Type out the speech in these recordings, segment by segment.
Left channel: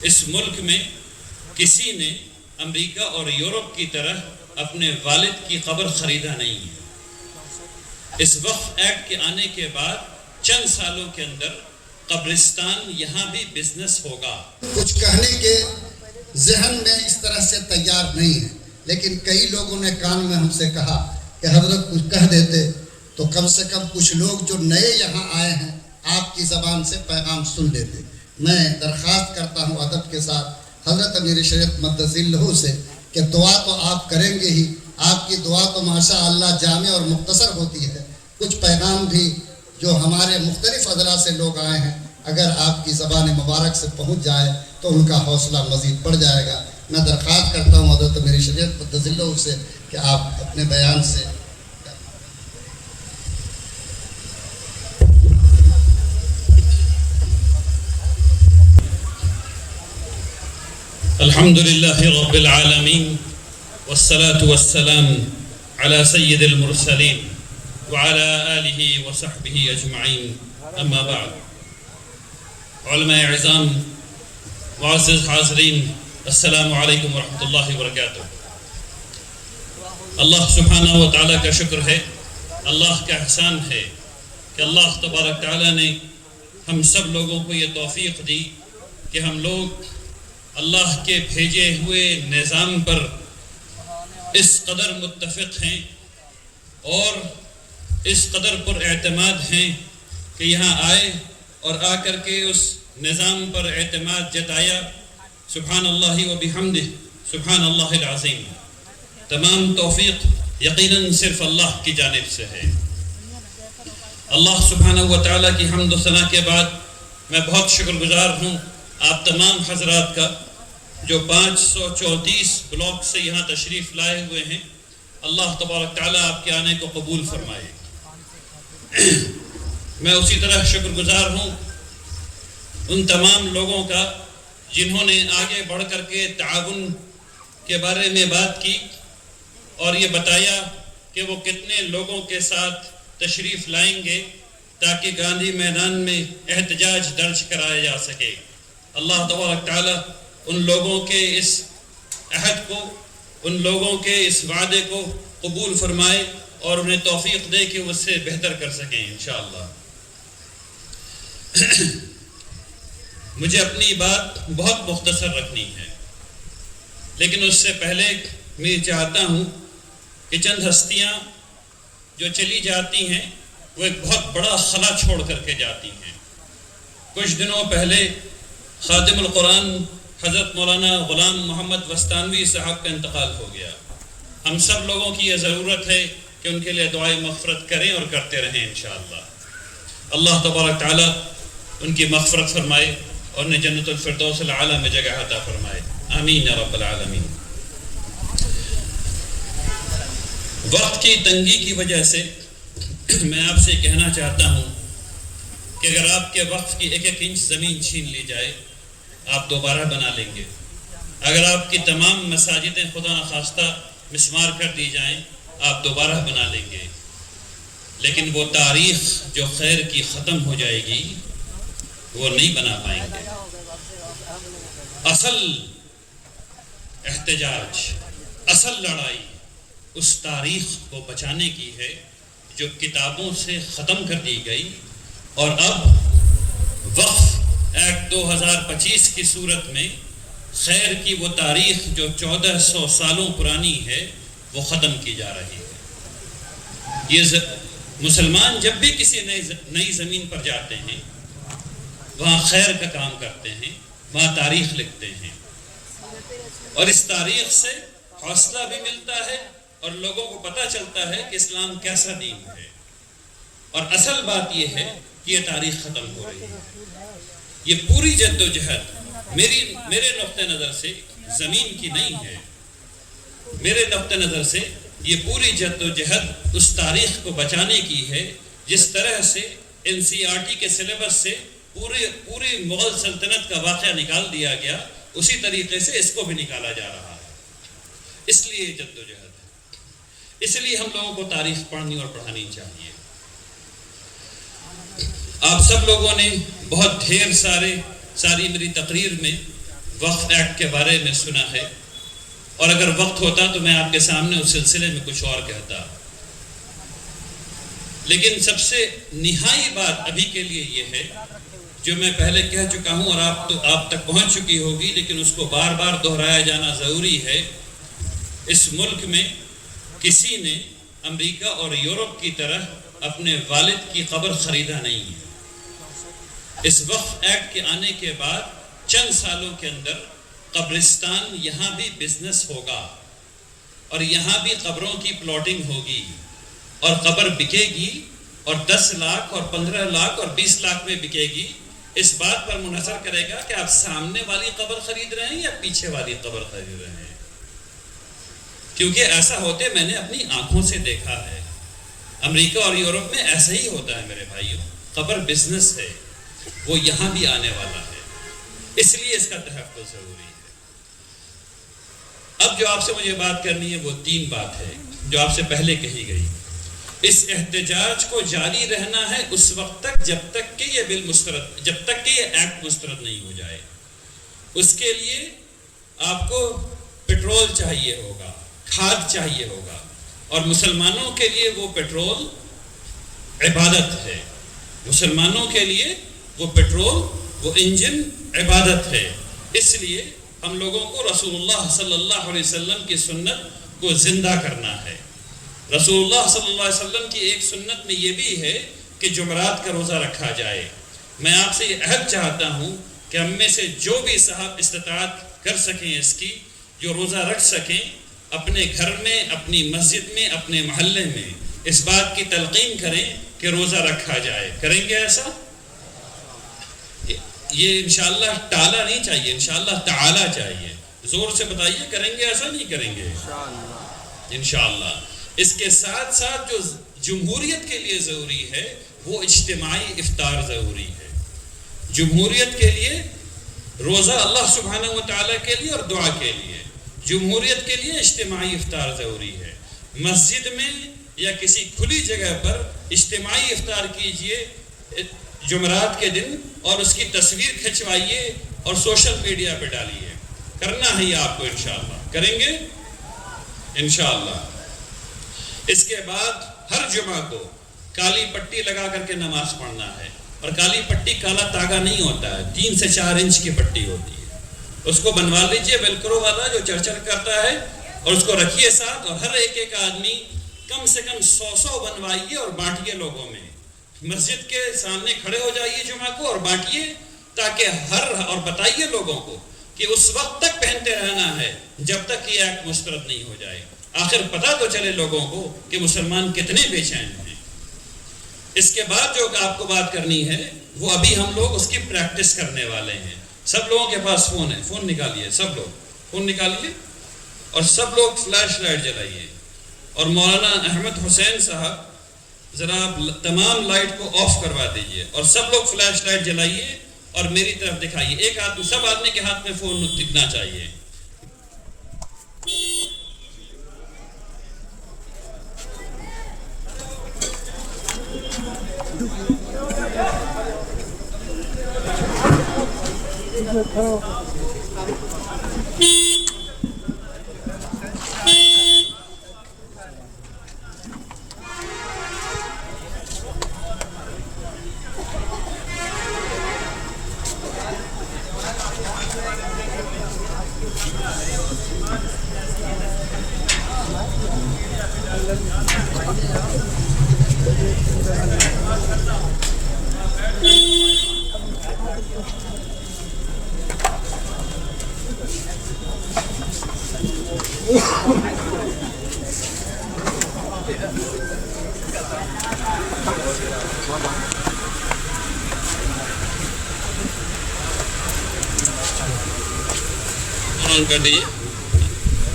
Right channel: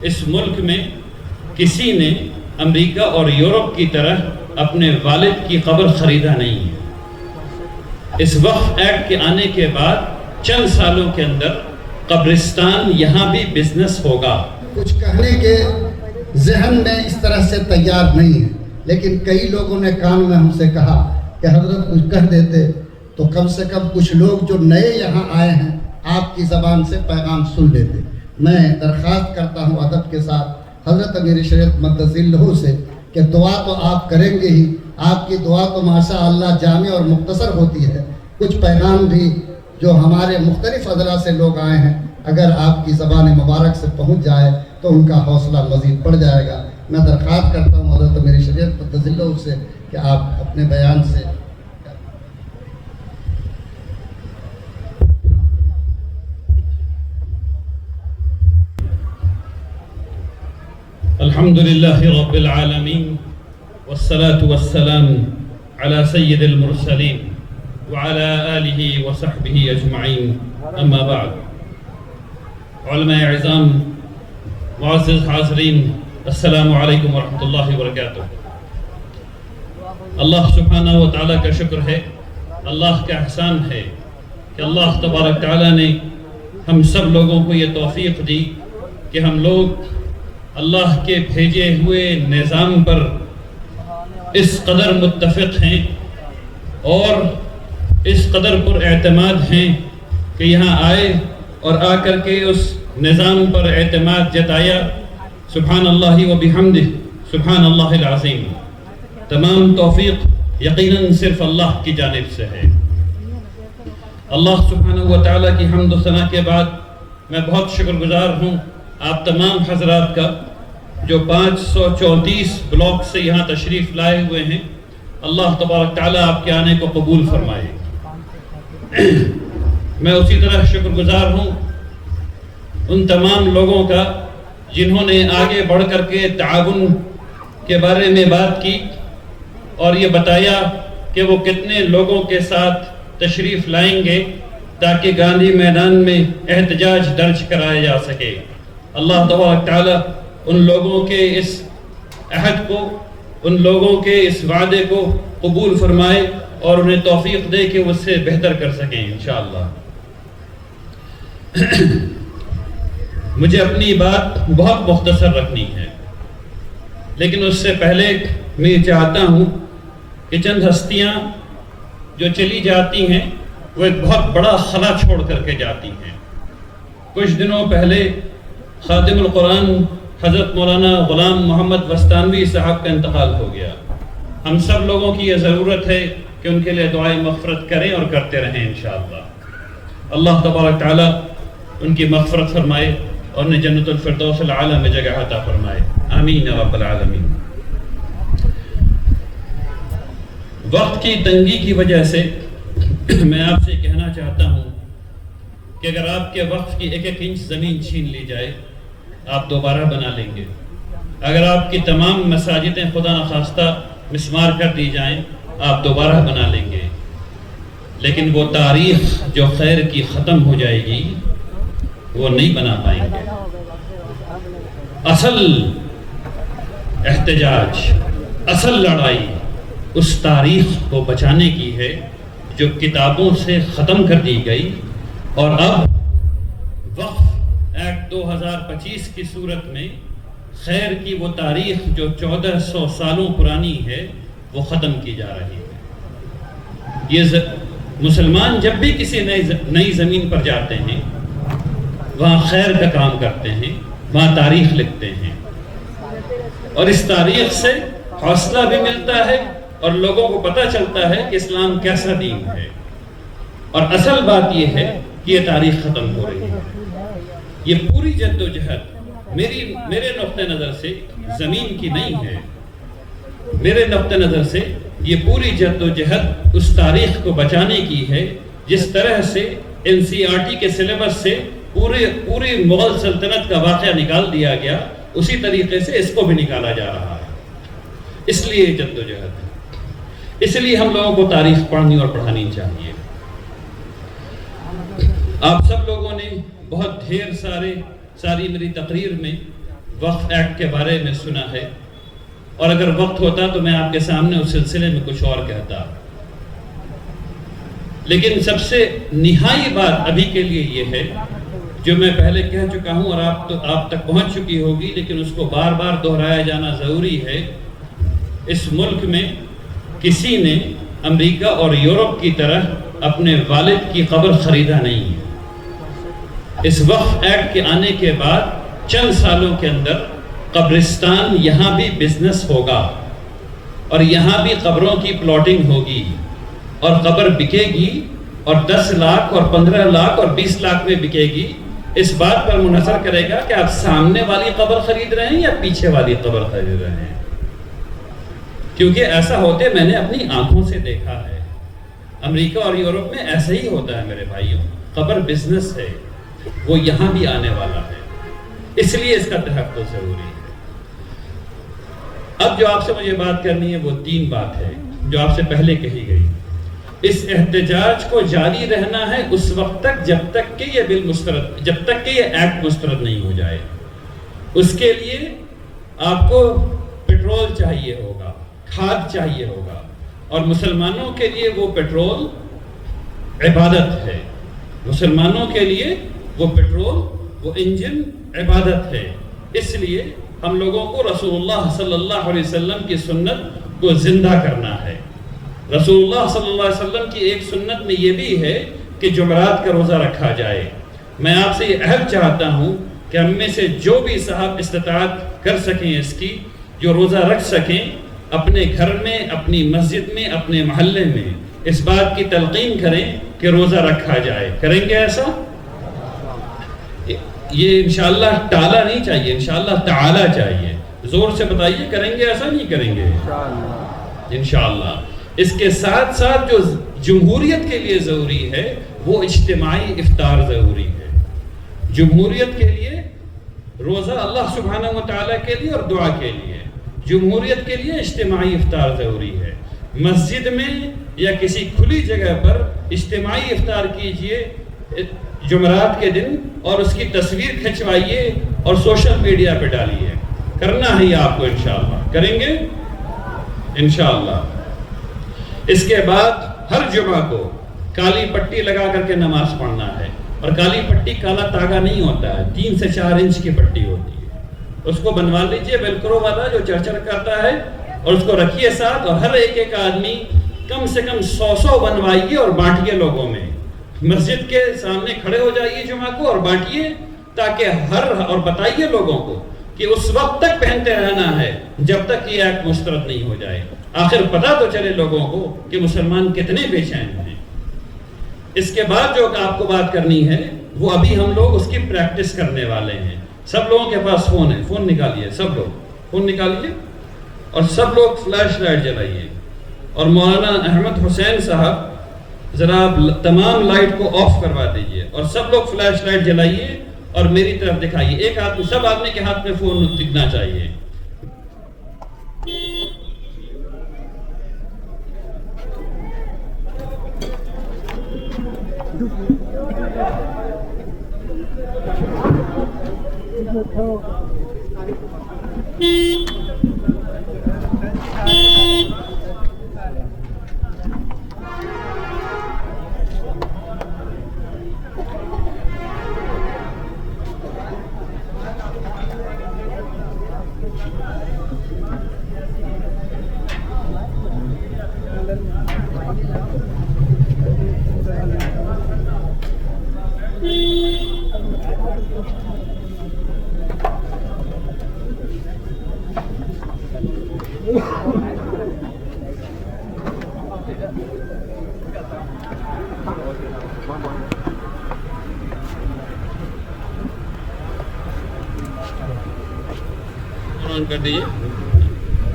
اس ملک میں کسی نے امریکہ اور یورپ کی طرح اپنے والد کی قبر خریدا نہیں ہے۔ اس وقف ایکٹ کے آنے کے بعد چند سالوں کے اندر قبرستان یہاں بھی بزنس ہوگا۔ کچھ کہنے کے ذہن میں اس طرح سے تیار نہیں ہے، لیکن کئی لوگوں نے کان میں ہم سے کہا کہ حضرت کچھ کہہ دیتے تو کم سے کم کچھ لوگ جو نئے یہاں آئے ہیں آپ کی زبان سے پیغام سن لیتے۔ میں درخواست کرتا ہوں ادب کے ساتھ حضرت امیر شریعت مقدس ذلہ سے کہ دعا تو آپ کریں گے ہی، آپ کی دعا تو ماشاء اللہ جامع اور مختصر ہوتی ہے۔ کچھ پیغام بھی جو ہمارے مختلف اضلاع سے لوگ آئے ہیں اگر آپ کی زبان مبارک سے پہنچ جائے تو ان کا حوصلہ مزید بڑھ جائے گا۔ میں درخواست کرتا ہوں حضرت امیر شریعت مقدس ذلہ سے کہ آپ اپنے بیان سے الحمد للہ رب العالمین والصلاة والسلام على سید المرسلین وعلى آلہ وصحبہ اجمعین، اما بعد۔ علماء اعظام، معزز حاضرین، السلام علیکم ورحمۃ اللہ وبرکاتہ۔ اللہ سبحانہ و تعالیٰ کا شکر ہے، اللہ کا احسان ہے کہ اللہ تبارک تعالیٰ نے ہم سب لوگوں کو یہ توفیق دی کہ ہم لوگ اللہ کے بھیجے ہوئے نظام پر اس قدر متفق ہیں اور اس قدر پر اعتماد ہیں کہ یہاں آئے اور آ کر کے اس نظام پر اعتماد جتایا۔ سبحان اللہ و بحمدہ، سبحان اللہ العظیم۔ تمام توفیق یقیناً صرف اللہ کی جانب سے ہے۔ اللہ سبحانہ و تعالیٰ کی حمد و ثنا کے بعد میں بہت شکر گزار ہوں آپ تمام حضرات کا جو 534 بلاک سے یہاں تشریف لائے ہوئے ہیں۔ اللہ تبارک تعالیٰ آپ کے آنے کو قبول فرمائے۔ میں اسی طرح شکر گزار ہوں ان تمام لوگوں کا جنہوں نے آگے بڑھ کر کے تعاون کے بارے میں بات کی اور یہ بتایا کہ وہ کتنے لوگوں کے ساتھ تشریف لائیں گے تاکہ گاندھی میدان میں احتجاج درج کرایا جا سکے۔ اللہ تبارک تعالیٰ ان لوگوں کے اس عہد کو، ان لوگوں کے اس وعدے کو قبول فرمائے اور انہیں توفیق دے کہ وہ اس سے بہتر کر سکیں انشاءاللہ۔ مجھے اپنی بات بہت مختصر رکھنی ہے، لیکن اس سے پہلے میں یہ چاہتا ہوں کہ چند ہستیاں جو چلی جاتی ہیں وہ ایک بہت بڑا خلا چھوڑ کر کے جاتی ہیں۔ کچھ دنوں پہلے خادم القرآن حضرت مولانا غلام محمد وستانوی صاحب کا انتقال ہو گیا۔ ہم سب لوگوں کی یہ ضرورت ہے کہ ان کے لیے دعائے مغفرت کریں اور کرتے رہیں انشاءاللہ۔ اللہ تبارک تعالیٰ ان کی مغفرت فرمائے اور انہیں جنت الفردوس العالی میں جگہ عطا فرمائے، آمین یا رب العالمین۔ وقت کی تنگی کی وجہ سے میں آپ سے کہنا چاہتا ہوں کہ اگر آپ کے وقف کی ایک ایک انچ زمین چھین لی جائے آپ دوبارہ بنا لیں گے۔ اگر آپ کی تمام مساجدیں خدا نخواستہ مسمار کر دی جائیں آپ دوبارہ بنا لیں گے، لیکن وہ تاریخ جو خیر کی ختم ہو جائے گی وہ نہیں بنا پائیں گے۔ اصل احتجاج، اصل لڑائی اس تاریخ کو بچانے کی ہے جو کتابوں سے ختم کر دی گئی، اور اب وقف ایکٹ 2025 کی صورت میں خیر کی وہ تاریخ جو 1400 سالوں پرانی ہے وہ ختم کی جا رہی ہے۔ یہ مسلمان جب بھی کسی نئی زمین پر جاتے ہیں وہاں خیر کا کام کرتے ہیں، وہاں تاریخ لکھتے ہیں، اور اس تاریخ سے حوصلہ بھی ملتا ہے اور لوگوں کو پتہ چلتا ہے کہ اسلام کیسا دین ہے۔ اور اصل بات یہ ہے کہ یہ تاریخ ختم ہو رہی ہے۔ یہ پوری جد و جہد میرے نقطہ نظر سے زمین کی نہیں ہے، میرے نقطہ نظر سے یہ پوری جد و جہد اس تاریخ کو بچانے کی ہے جس طرح سے NCERT کے سلیبس سے پوری مغل سلطنت کا واقعہ نکال دیا گیا، اسی طریقے سے اس کو بھی نکالا جا رہا ہے۔ اس لیے جد و جہد ہے، اس لیے ہم لوگوں کو تاریخ پڑھنی اور پڑھانی چاہیے۔ آپ سب لوگوں نے بہت ڈھیر ساری میری تقریر میں وقف ایکٹ کے بارے میں سنا ہے، اور اگر وقت ہوتا تو میں آپ کے سامنے اس سلسلے میں کچھ اور کہتا، لیکن سب سے نہائی بات ابھی کے لیے یہ ہے جو میں پہلے کہہ چکا ہوں اور آپ تک پہنچ چکی ہوگی، لیکن اس کو بار بار دہرایا جانا ضروری ہے۔ اس ملک میں کسی نے امریکہ اور یورپ کی طرح اپنے والد کی قبر خریدا نہیں ہے۔ اس وقف ایکٹ کے آنے کے بعد چند سالوں کے اندر قبرستان یہاں بھی بزنس ہوگا، اور یہاں بھی قبروں کی پلاٹنگ ہوگی، اور قبر بکے گی، اور 10 لاکھ اور 15 لاکھ اور 20 لاکھ میں بکے گی۔ اس بات پر منحصر کرے گا کہ آپ سامنے والی قبر خرید رہے ہیں یا پیچھے والی قبر خرید رہے ہیں، کیونکہ ایسا ہوتے میں نے اپنی آنکھوں سے دیکھا ہے۔ امریکہ اور یورپ میں ایسا ہی ہوتا ہے میرے بھائیوں، قبر بزنس ہے، وہ یہاں بھی آنے والا ہے، اس لیے اس کا تحفظ ضروری ہے۔ اب جو آپ سے مجھے بات کرنی ہے وہ 3 بات ہے جو آپ سے پہلے کہی گئی۔ اس احتجاج کو جاری رہنا ہے اس وقت تک جب تک کہ یہ بل مسترد، جب تک کہ یہ ایکٹ مسترد نہیں ہو جائے۔ اس کے لیے آپ کو پیٹرول چاہیے ہوگا، کھاد چاہیے ہوگا، اور مسلمانوں کے لیے وہ پیٹرول عبادت ہے، مسلمانوں کے لیے وہ پیٹرول، وہ انجن عبادت ہے۔ اس لیے ہم لوگوں کو رسول اللہ صلی اللہ علیہ وسلم کی سنت کو زندہ کرنا ہے۔ رسول اللہ صلی اللہ علیہ وسلم کی ایک سنت میں یہ بھی ہے کہ جمعرات کا روزہ رکھا جائے۔ میں آپ سے یہ عہد چاہتا ہوں کہ ہم میں سے جو بھی صاحب استطاعت کر سکیں اس کی، جو روزہ رکھ سکیں، اپنے گھر میں، اپنی مسجد میں، اپنے محلے میں اس بات کی تلقین کریں کہ روزہ رکھا جائے۔ کریں گے ایسا؟ یہ انشاءاللہ ٹالا نہیں چاہیے، انشاءاللہ تعالی چاہیے۔ زور سے بتائیے، کریں گے ایسا؟ نہیں کریں گے انشاءاللہ۔ اس کے ساتھ ساتھ جو جمہوریت کے لیے ضروری ہے وہ اجتماعی افطار ضروری ہے۔ جمہوریت کے لیے روزہ اللہ سبحانہ و تعالیٰ کے لیے اور دعا کے لیے، جمہوریت کے لیے اجتماعی افطار ضروری ہے۔ مسجد میں یا کسی کھلی جگہ پر اجتماعی افطار کیجئے جمعرات کے دن، اور اس کی تصویر کھنچوائیے اور سوشل میڈیا پہ ڈالیے۔ کرنا ہے آپ کو انشاءاللہ، کریں گے انشاءاللہ۔ اس کے بعد ہر جمعہ کو کالی پٹی لگا کر کے نماز پڑھنا ہے، اور کالی پٹی کالا تاگا نہیں ہوتا ہے، 3 سے 4 انچ کی پٹی ہوتی ہے، اس کو بنوا لیجئے ویلکرو والا جو چرچر کرتا ہے، اور اس کو رکھیے ساتھ، اور ہر ایک آدمی کم سے کم 100 بنوائیے اور بانٹیے لوگوں میں۔ مسجد کے سامنے کھڑے ہو جائیے جمعہ کو اور بانٹیے، تاکہ اور بتائیے لوگوں کو کہ اس وقت تک پہنتے رہنا ہے جب تک یہ ایکٹ مسترد نہیں ہو جائے۔ آخر پتہ تو چلے لوگوں کو کہ مسلمان کتنے بے چین ہیں۔ اس کے بعد جو آپ کو بات کرنی ہے وہ ابھی ہم لوگ اس کی پریکٹس کرنے والے ہیں۔ سب لوگوں کے پاس فون ہے، فون نکالیے، سب لوگ فون نکالیے، اور سب لوگ فلیش لائٹ جلائیے، اور مولانا احمد حسین صاحب ذرا آپ تمام لائٹ کو آف کروا دیجئے، اور سب لوگ فلیش لائٹ جلائیے اور میری طرف دکھائیے۔ ایک آدمی، سب آدمی کے ہاتھ میں فون دکھنا چاہیے۔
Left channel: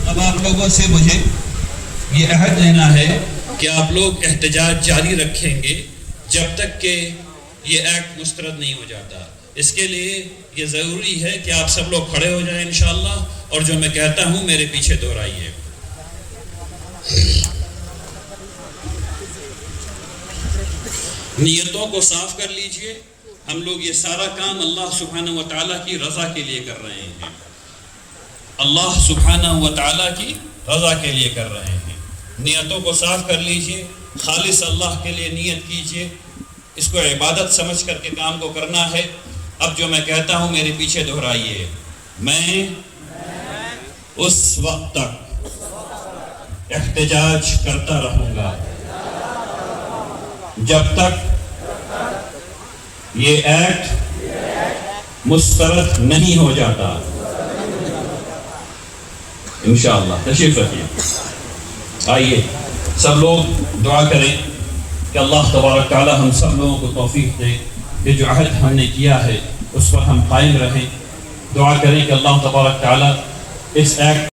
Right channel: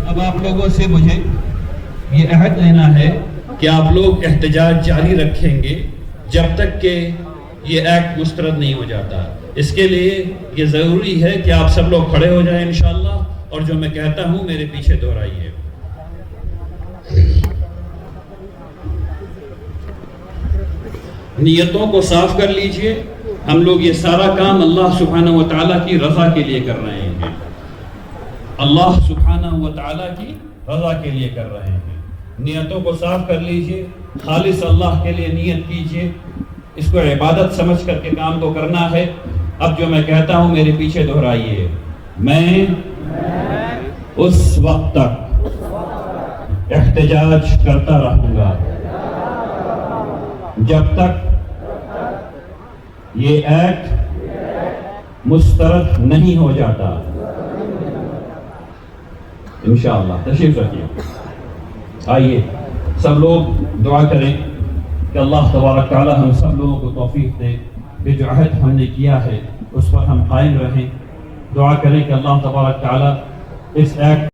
اب آپ لوگوں سے مجھے یہ عہد لینا ہے کہ آپ لوگ احتجاج جاری رکھیں گے جب تک کہ یہ ایکٹ مسترد نہیں ہو جاتا۔ اس کے لیے یہ ضروری ہے کہ آپ سب لوگ کھڑے ہو جائیں انشاءاللہ، اور جو میں کہتا ہوں میرے پیچھے دہرائیے۔ نیتوں کو صاف کر لیجئے۔ ہم لوگ یہ سارا کام اللہ سبحانہ و تعالیٰ کی رضا کے لیے کر رہے ہیں۔ اللہ سبحانہ و تعالیٰ کی رضا کے لیے کر رہے ہیں. نیتوں کو صاف کر لیجئے, خالص اللہ کے لیے نیت کیجئے, اس کو عبادت سمجھ کر کے کام کو کرنا ہے. اب جو میں کہتا ہوں میرے پیچھے دہرائیے, میں اس وقت تک احتجاج کرتا رہوں گا جب تک یہ ایکٹ مسترد نہیں ہو جاتا. انشاءاللہ تشریف رکھیے. آئیے سب لوگ دعا کریں کہ اللہ تبارک تعالی ہم سب لوگوں کو توفیق دیں کہ جو عہد ہم نے کیا ہے اس پر ہم قائم رہیں. دعا کریں کہ اللہ تبارک تعالی اس ایکٹ